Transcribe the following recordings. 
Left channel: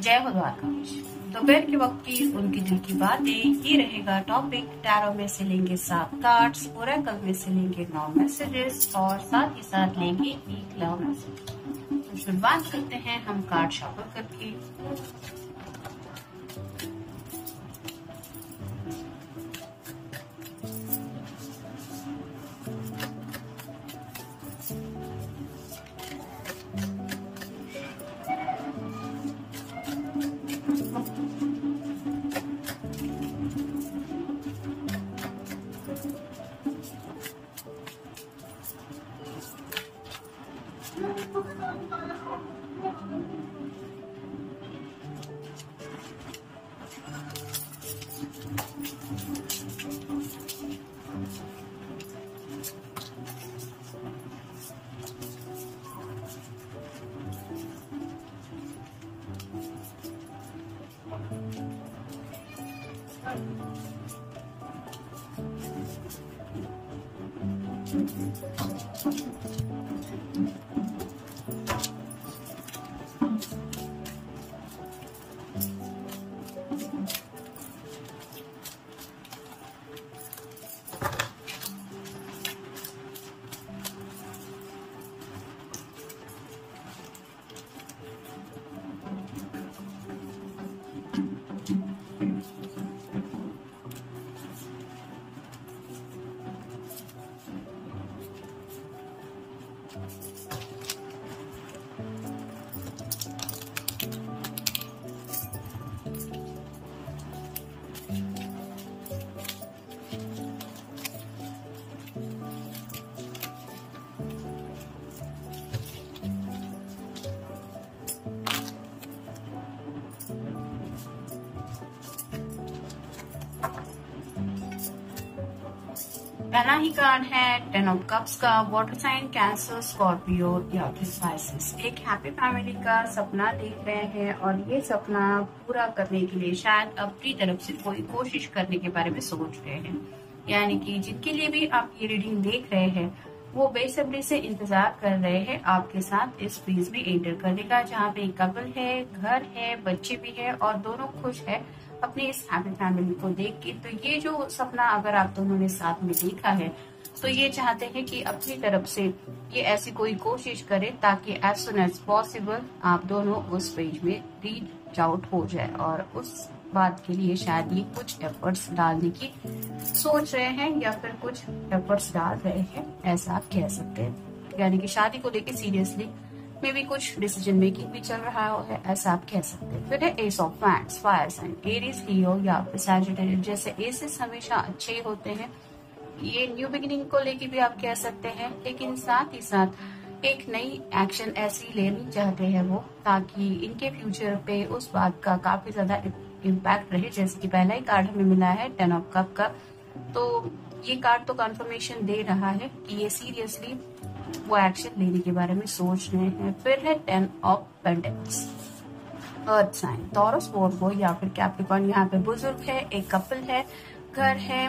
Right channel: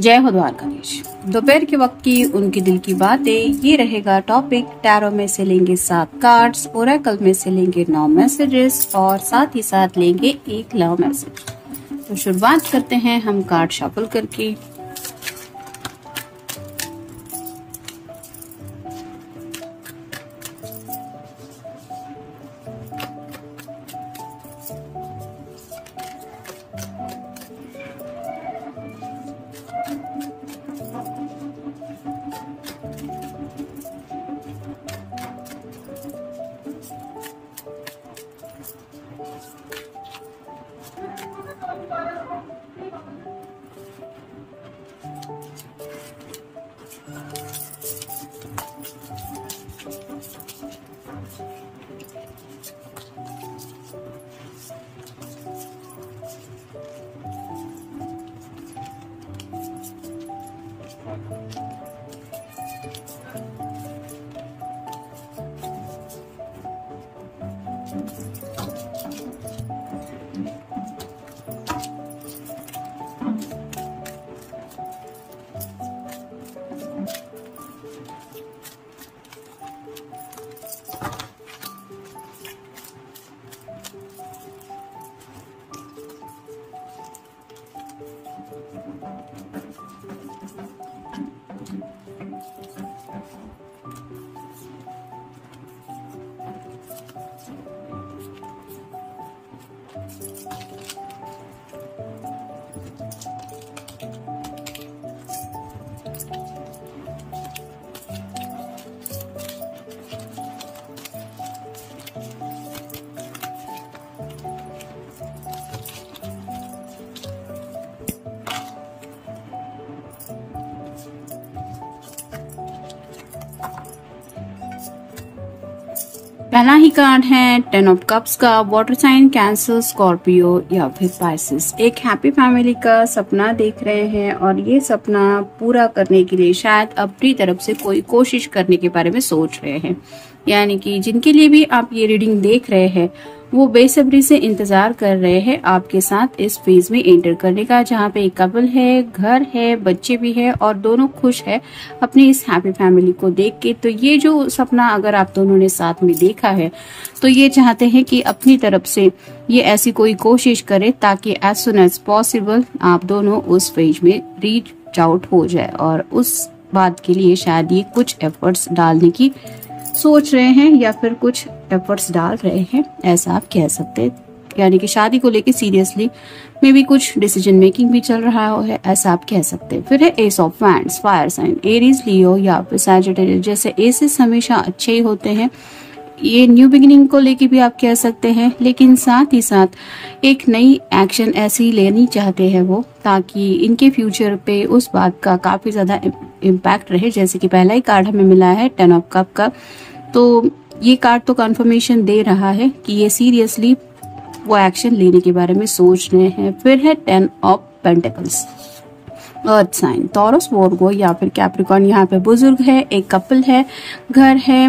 जय हो द्वारकाधीश। दोपहर के वक्त की उनकी दिल की बातें, ये रहेगा टॉपिक। टैरो में से लेंगे 7 कार्ड्स, ओरेकल में से लेंगे 9 मैसेजेस और साथ ही साथ लेंगे एक लव मैसेज। तो शुरुआत करते हैं हम कार्ड शफल करके। पहला ही कार्ड है 10 ऑफ कप्स का। वाटर साइन कैंसर, स्कॉर्पियो या फिर स्पाइसेस एक हैप्पी फैमिली का सपना देख रहे हैं और ये सपना पूरा करने के लिए शायद अपनी तरफ से कोई कोशिश करने के बारे में सोच रहे हैं। यानी कि जिनके लिए भी आप ये रीडिंग देख रहे हैं वो बेसब्री से इंतजार कर रहे हैं आपके साथ इस फेज में एंटर करने का, जहाँ पे एक कपल है, घर है, बच्चे भी है और दोनों खुश है अपनी इस हैप्पी फैमिली को देख के। तो ये जो सपना अगर आप दोनों ने साथ में देखा है तो ये चाहते हैं कि अपनी तरफ से ये ऐसी कोई कोशिश करे ताकि एज सुन एज पॉसिबल आप दोनों उस फेज में रीच आउट हो जाए और उस बात के लिए शायद ये कुछ एफर्ट्स डालने की सोच रहे हैं या फिर कुछ एफर्ट्स डाल रहे हैं, ऐसा आप कह सकते हैं। यानी कि शादी को लेके सीरियसली मे भी कुछ डिसीजन मेकिंग भी चल रहा है, ऐसा आप कह सकते हैं। फिर है ace of wands, fire sign, Aries, Leo या फिर सैजिटेरियस। जैसे एसेस हमेशा अच्छे ही होते हैं, ये न्यू बिगिनिंग को लेके भी आप कह सकते हैं, लेकिन साथ ही साथ एक नई एक्शन ऐसी लेनी चाहते हैं वो ताकि इनके फ्यूचर पे उस बात का काफी ज्यादा इम्पैक्ट रहे। जैसे कि पहला ही कार्ड हमें मिला है 10 ऑफ कप का, तो ये कार्ड तो कंफर्मेशन दे रहा है कि ये सीरियसली वो एक्शन लेने के बारे में सोच रहे हैं। फिर है 10 of pentacles, earth sign, Taurus, Virgo या फिर कैप्रिकॉर्न। यहाँ पे बुजुर्ग है, एक कपल है, घर है,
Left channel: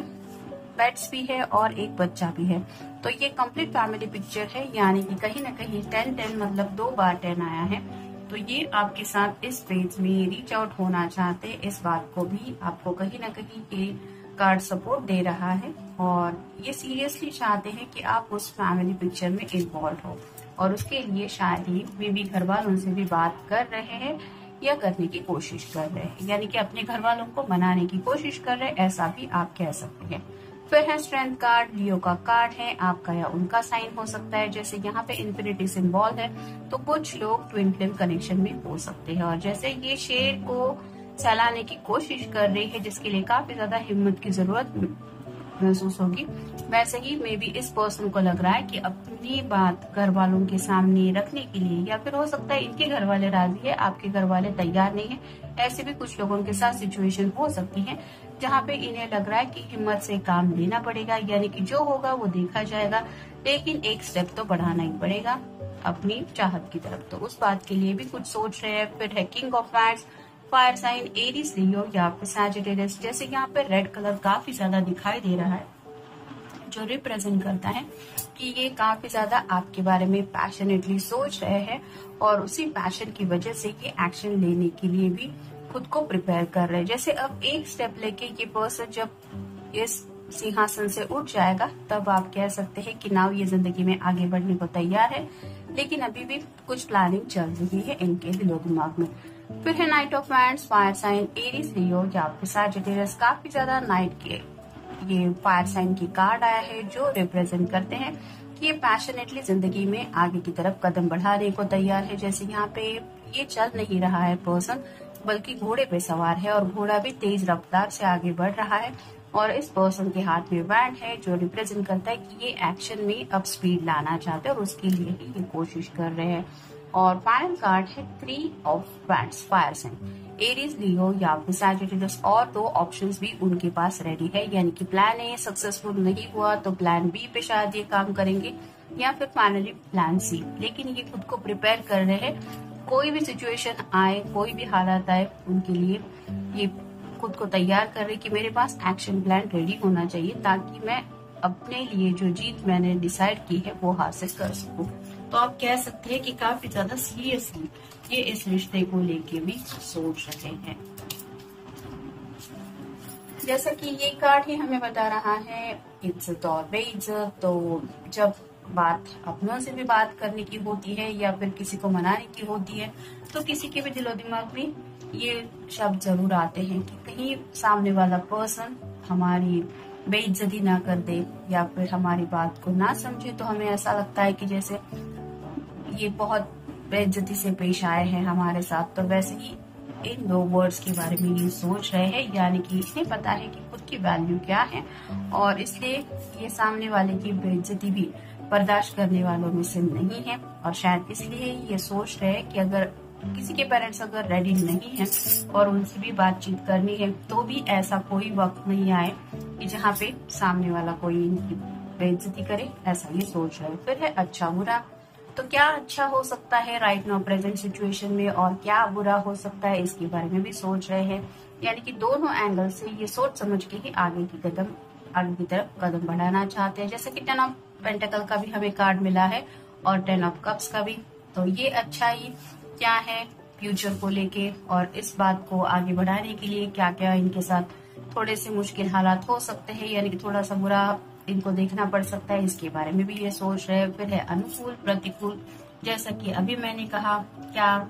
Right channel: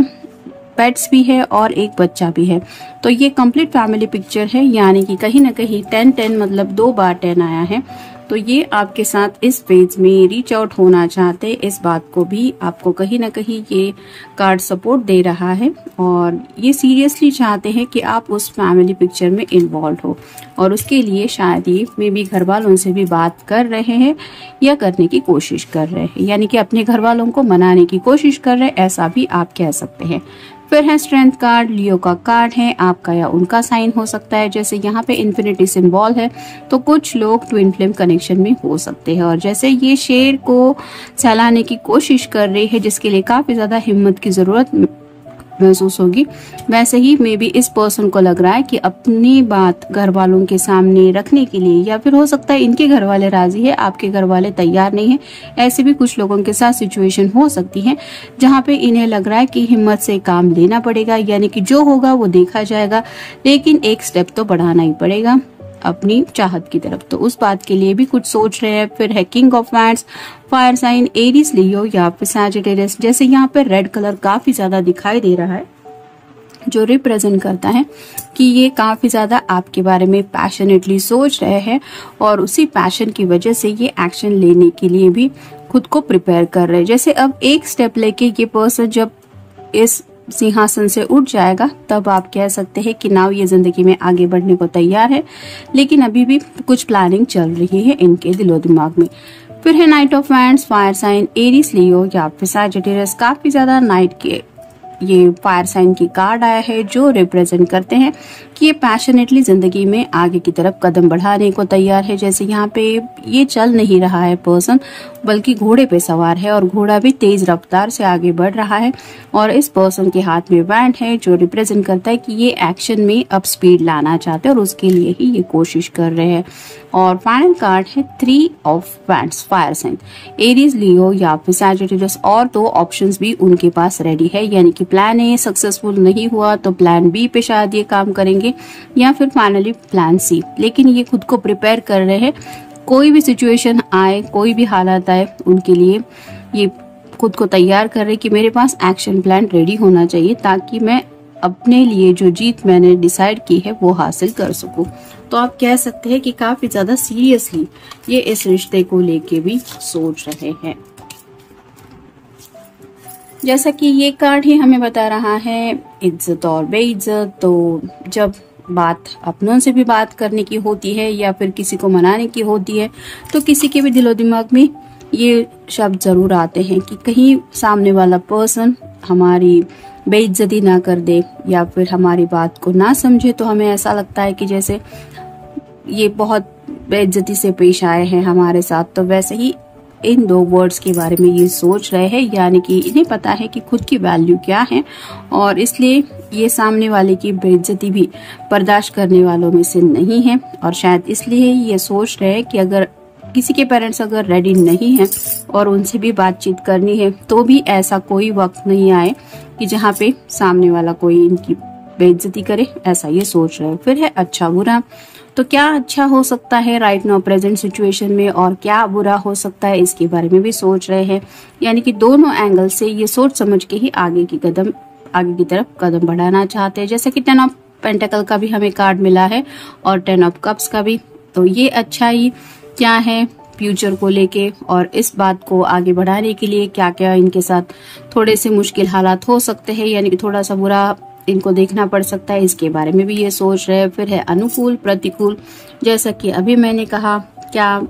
पेट्स भी है और एक बच्चा भी है। तो ये कंप्लीट फैमिली पिक्चर है, यानी कि कहीं ना कहीं 10-10 मतलब 2 बार 10 आया है। तो ये आपके साथ इस फेज में रीच आउट होना चाहते, इस बात को भी आपको कहीं ना कहीं ये कार्ड सपोर्ट दे रहा है और ये सीरियसली चाहते हैं कि आप उस फैमिली पिक्चर में इन्वॉल्व हो और उसके लिए शायद ये मे भी घर वालों से भी बात कर रहे हैं या करने की कोशिश कर रहे हैं, यानी कि अपने घर वालों को मनाने की कोशिश कर रहे हैं, ऐसा भी आप कह सकते हैं। फिर है स्ट्रेंथ कार्ड, लियो का कार्ड है, आपका या उनका साइन हो सकता है। जैसे यहाँ पे इन्फिनिटी सिंबल है तो कुछ लोग ट्विन फ्लेम कनेक्शन में हो सकते हैं और जैसे ये शेर को सहलाने की कोशिश कर रही है जिसके लिए काफी ज्यादा हिम्मत की जरूरत महसूस होगी, वैसे ही मे बी इस पर्सन को लग रहा है कि अपनी बात घर वालों के सामने रखने के लिए, या फिर हो सकता है इनके घर वाले राजी है, आपके घर वाले तैयार नहीं है। ऐसे भी कुछ लोगों के साथ सिचुएशन हो सकती है जहाँ पे इन्हें लग रहा है कि हिम्मत से काम लेना पड़ेगा, यानी कि जो होगा वो देखा जाएगा, लेकिन एक स्टेप तो बढ़ाना ही पड़ेगा अपनी चाहत की तरफ। तो उस बात के लिए भी कुछ सोच रहे हैं। फिर है king of wands, fire sign, Aries, Leo या फिर सैजिटेरियस। जैसे यहाँ पे रेड कलर काफी ज्यादा दिखाई दे रहा है, जो रिप्रेजेंट करता है कि ये काफी ज्यादा आपके बारे में पैशनेटली सोच रहे हैं और उसी पैशन की वजह से ये एक्शन लेने के लिए भी खुद को प्रिपेयर कर रहे हैं। जैसे अब एक स्टेप लेके ये पर्सन जब इस सिंहासन से उठ जाएगा तब आप कह सकते हैं कि नाउ ये जिंदगी में आगे बढ़ने को तैयार है, लेकिन अभी भी कुछ प्लानिंग चल रही है इनके दिलो दिमाग में। फिर है knight of wands, fire sign Aries Leo या फिर सैजिटेरियस। काफी ज्यादा नाइट के ये फायर साइन की कार्ड आया है जो रिप्रेजेंट करते हैं कि ये पैशनेटली जिंदगी में आगे की तरफ कदम बढ़ाने को तैयार है। जैसे यहाँ पे ये चल नहीं रहा है पर्सन, बल्कि घोड़े पे सवार है और घोड़ा भी तेज रफ्तार से आगे बढ़ रहा है और इस पर्सन के हाथ में वैंड है जो रिप्रेजेंट करता है कि ये एक्शन में अब स्पीड लाना चाहते हैं और उसके लिए ही ये कोशिश कर रहे हैं। और फाइनल कार्ड है 3 of wands, fire sign Aries, Leo या फिर सैजिटेरियस। और 2 ऑप्शंस भी उनके पास रेडी है, यानी कि प्लान ए सक्सेसफुल नहीं हुआ तो प्लान बी पे शायद ये काम करेंगे या फिर फाइनली प्लान सी। लेकिन ये खुद को प्रिपेयर कर रहे हैं, कोई भी सिचुएशन आए, कोई भी हालात आए, उनके लिए ये खुद को तैयार कर रहे कि मेरे पास एक्शन प्लान रेडी होना चाहिए ताकि मैं अपने लिए जो जीत मैंने डिसाइड की है वो हासिल कर सकूं। तो आप कह सकते हैं कि काफी ज्यादा सीरियसली ये इस रिश्ते को लेके भी सोच रहे हैं। जैसा कि ये कार्ड ही हमें बता रहा है इज्जत और बेइज्जत। तो जब बात अपनों से भी बात करने की होती है या फिर किसी को मनाने की होती है तो किसी के भी दिलो दिमाग में ये शब्द जरूर आते हैं कि कहीं सामने वाला पर्सन हमारी बेइज्जती ना कर दे या फिर हमारी बात को ना समझे। तो हमें ऐसा लगता है कि जैसे ये बहुत बेइज्जती से पेश आए हैं हमारे साथ। तो वैसे ही इन 2 वर्ड्स के बारे में ये सोच रहे हैं, यानी कि इन्हें पता है कि खुद की वैल्यू क्या है और इसलिए ये सामने वाले की बेइज्जती भी बर्दाश्त करने वालों में से नहीं है। और शायद इसलिए ये सोच रहे हैं कि अगर किसी के पेरेंट्स अगर रेडी नहीं है और उनसे भी बातचीत करनी है तो भी ऐसा कोई वक्त नहीं आए कि जहाँ पे सामने वाला कोई इनकी बेइज्जती करे, ऐसा ये सोच रहे हैं। फिर है अच्छा बुरा। तो क्या अच्छा हो सकता है राइट नाउ प्रेजेंट सिचुएशन में और क्या बुरा हो सकता है इसके बारे में भी सोच रहे हैं, यानी कि दोनों एंगल से ये सोच समझ के ही आगे की तरफ कदम बढ़ाना चाहते हैं। जैसे कि 10 ऑफ पेंटिकल का भी हमें कार्ड मिला है और 10 ऑफ कप्स का भी। तो ये अच्छा ही क्या है फ्यूचर को लेके और इस बात को आगे बढ़ाने के लिए क्या क्या इनके साथ थोड़े से मुश्किल हालात हो सकते हैं, यानी कि थोड़ा सा बुरा इनको देखना पड़ सकता है, इसके बारे में भी ये सोच रहे हैं। फिर है अनुकूल प्रतिकूल। जैसा कि अभी मैंने कहा, क्या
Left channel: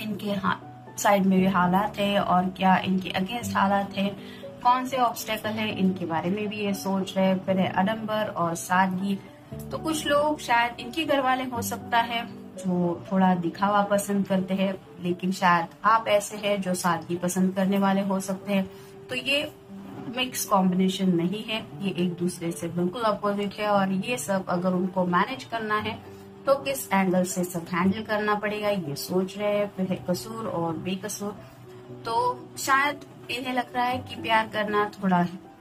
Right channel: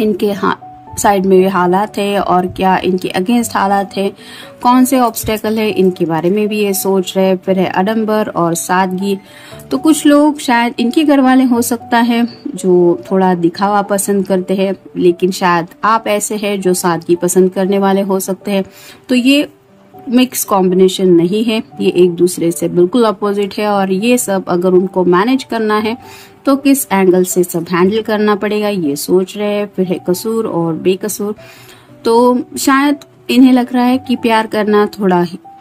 इनके साइड में हालात है और क्या इनके अगेंस्ट हालात है, कौन से ऑब्स्टेकल है, इनके बारे में भी ये सोच रहे हैं। फिर है आडंबर और सादगी। तो कुछ लोग शायद इनके घर वाले हो सकता है जो थोड़ा दिखावा पसंद करते हैं, लेकिन शायद आप ऐसे हैं जो सादगी पसंद करने वाले हो सकते हैं। तो ये मिक्स कॉम्बिनेशन नहीं है, ये एक दूसरे से बिल्कुल अपोजिट है और ये सब अगर उनको मैनेज करना है तो किस एंगल से सब हैंडल करना पड़ेगा ये सोच रहे हैं। फिर है कसूर और बेकसूर। तो शायद इन्हें लग रहा है कि प्यार करना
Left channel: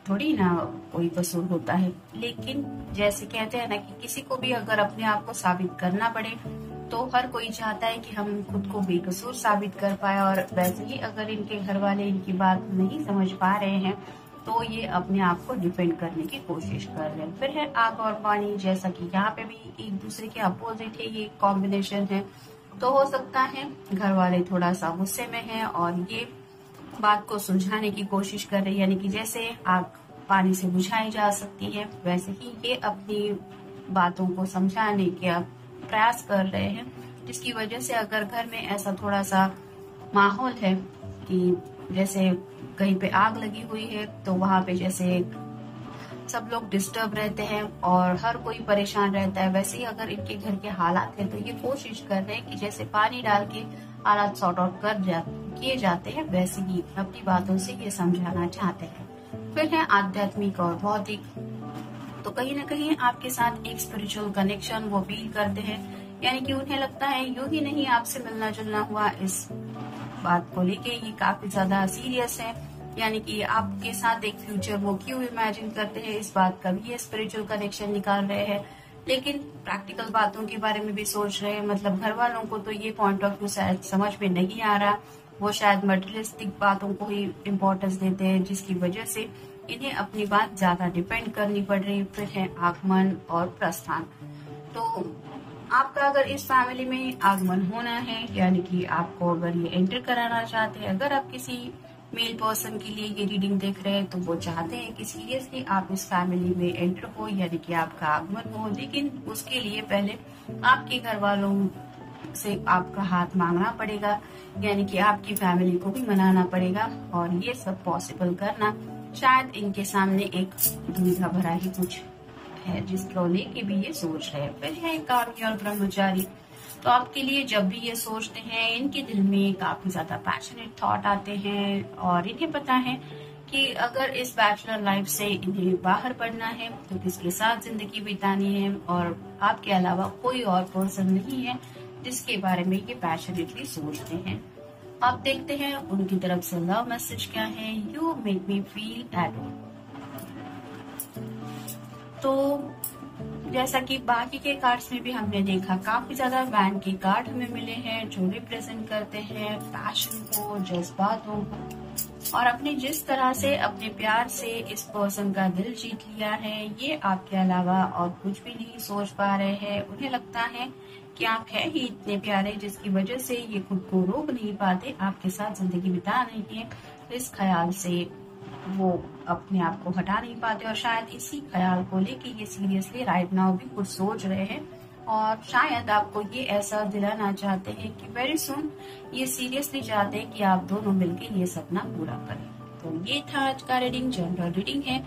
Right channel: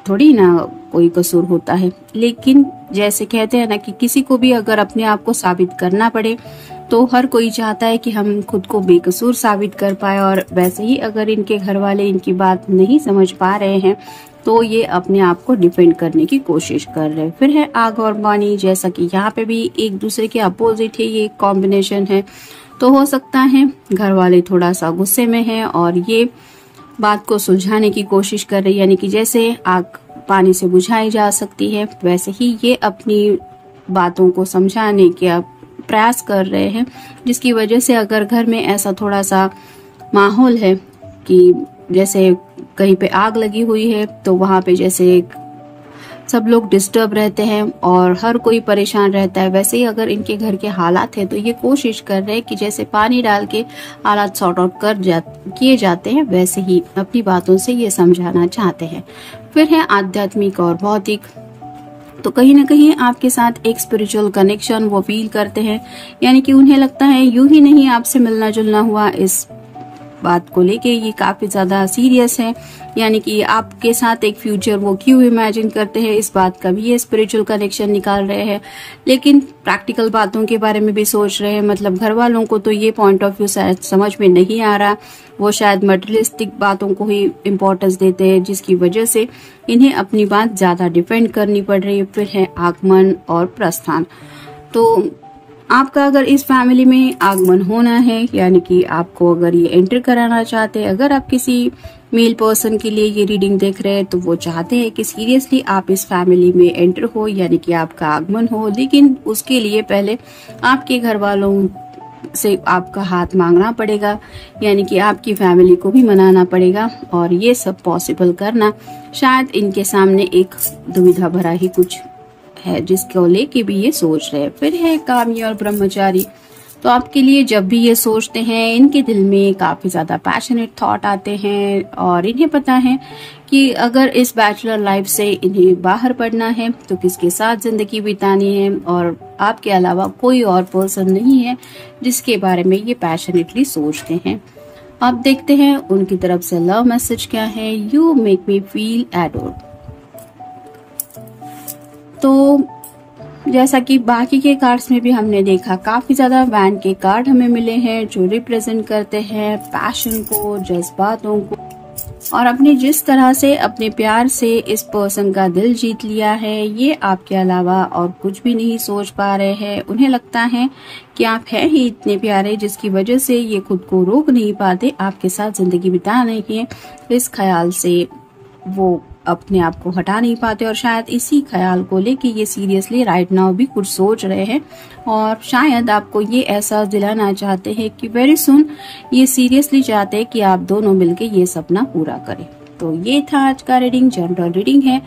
थोड़ी ना कोई कसूर होता है, लेकिन जैसे कहते हैं ना कि किसी को भी अगर अपने आप को साबित करना पड़े तो हर कोई चाहता है कि हम खुद को बेकसूर साबित कर पाए। और वैसे ही अगर इनके घर वाले इनकी बात नहीं समझ पा रहे हैं तो ये अपने आप को डिफेंड करने की कोशिश कर रहे हैं। फिर है आग और पानी। जैसा कि यहाँ पे भी एक दूसरे के अपोजिट है, ये कॉम्बिनेशन है। तो हो सकता है घर वाले थोड़ा सा गुस्से में हैं और ये बात को सुलझाने की कोशिश कर रही है, यानी कि जैसे आग पानी से बुझाई जा सकती है वैसे ही ये अपनी बातों को समझाने के प्रयास कर रहे हैं, जिसकी वजह से अगर घर में ऐसा थोड़ा सा माहौल है कि जैसे कहीं पे आग लगी हुई है तो वहां पे जैसे सब लोग डिस्टर्ब रहते हैं और हर कोई परेशान रहता है, वैसे ही अगर इनके घर के हालात है तो ये कोशिश कर रहे हैं कि जैसे पानी डाल के हालात सॉर्ट आउट किए जाते हैं वैसे ही अपनी बातों से ये समझाना चाहते हैं। फिर है आध्यात्मिक और भौतिक। तो कहीं ना कहीं आपके साथ एक स्पिरिचुअल कनेक्शन वो फील करते हैं, यानी कि उन्हें लगता है यूं ही नहीं आपसे मिलना जुलना हुआ, इस बात को लेके ये काफी ज्यादा सीरियस है, यानी कि आपके साथ एक फ्यूचर वो क्यों इमेजिन करते हैं, इस बात का भी ये स्पिरिचुअल कनेक्शन निकाल रहे हैं। लेकिन प्रैक्टिकल बातों के बारे में भी सोच रहे हैं, मतलब घर वालों को तो ये पॉइंट ऑफ व्यू शायद समझ में नहीं आ रहा, वो शायद मटेरियलिस्टिक बातों को ही इम्पोर्टेंस देते हैं, जिसकी वजह से इन्हें अपनी बात ज्यादा डिपेंड करनी पड़ रही है। फिर है आगमन और प्रस्थान। तो आपका अगर इस फैमिली में आगमन होना है, यानी कि आपको अगर ये एंटर कराना चाहते हैं, अगर आप किसी मेल पर्सन के लिए ये रीडिंग देख रहे हैं तो वो चाहते हैं कि सीरियसली आप इस फैमिली में एंटर हो, यानी कि आपका आगमन हो। लेकिन उसके लिए पहले आपके घर वालों से आपका हाथ मांगना पड़ेगा, यानी कि आपकी फैमिली को भी मनाना पड़ेगा। और ये सब पॉसिबल करना शायद इनके सामने एक दुविधा भरा ही कुछ है, जिसको लेके भी ये सोच रहे हैं। फिर है कामी और ब्रह्मचारी। तो आपके लिए जब भी ये सोचते हैं, इनके दिल में काफी ज्यादा पैशनेट थॉट आते हैं और इन्हें पता है कि अगर इस बैचलर लाइफ से इन्हें बाहर पड़ना है तो किसके साथ जिंदगी बितानी है, और आपके अलावा कोई और पर्सन नहीं है जिसके बारे में ये पैशनेटली सोचते हैं। अब देखते हैं उनकी तरफ से लव मैसेज क्या है। You make me feel adored. तो जैसा कि बाकी के कार्ड्स में भी हमने देखा, काफी ज्यादा वैन के कार्ड हमें मिले हैं जो रिप्रेजेंट करते हैं पैशन को, जज्बातों को, और अपने जिस तरह से अपने प्यार से इस पर्सन का दिल जीत लिया है, ये आपके अलावा और कुछ भी नहीं सोच पा रहे हैं। उन्हें लगता है कि आप हैं ही इतने प्यारे, जिसकी वजह से ये खुद को रोक नहीं पाते आपके साथ जिंदगी बिताने के इस ख्याल से। वो अपने आप को हटा नहीं पाते और शायद इसी ख्याल को लेके ये सीरियसली राइट नाउ भी कुछ सोच रहे हैं, और शायद आपको ये एहसास दिलाना चाहते हैं कि वेरी सुन ये सीरियसली चाहते हैं कि आप दोनों मिलके ये सपना पूरा करें। तो ये था आज का रीडिंग, जनरल रीडिंग है।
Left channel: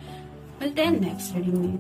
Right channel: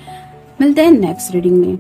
मिलते हैं नेक्स्ट रीडिंग में।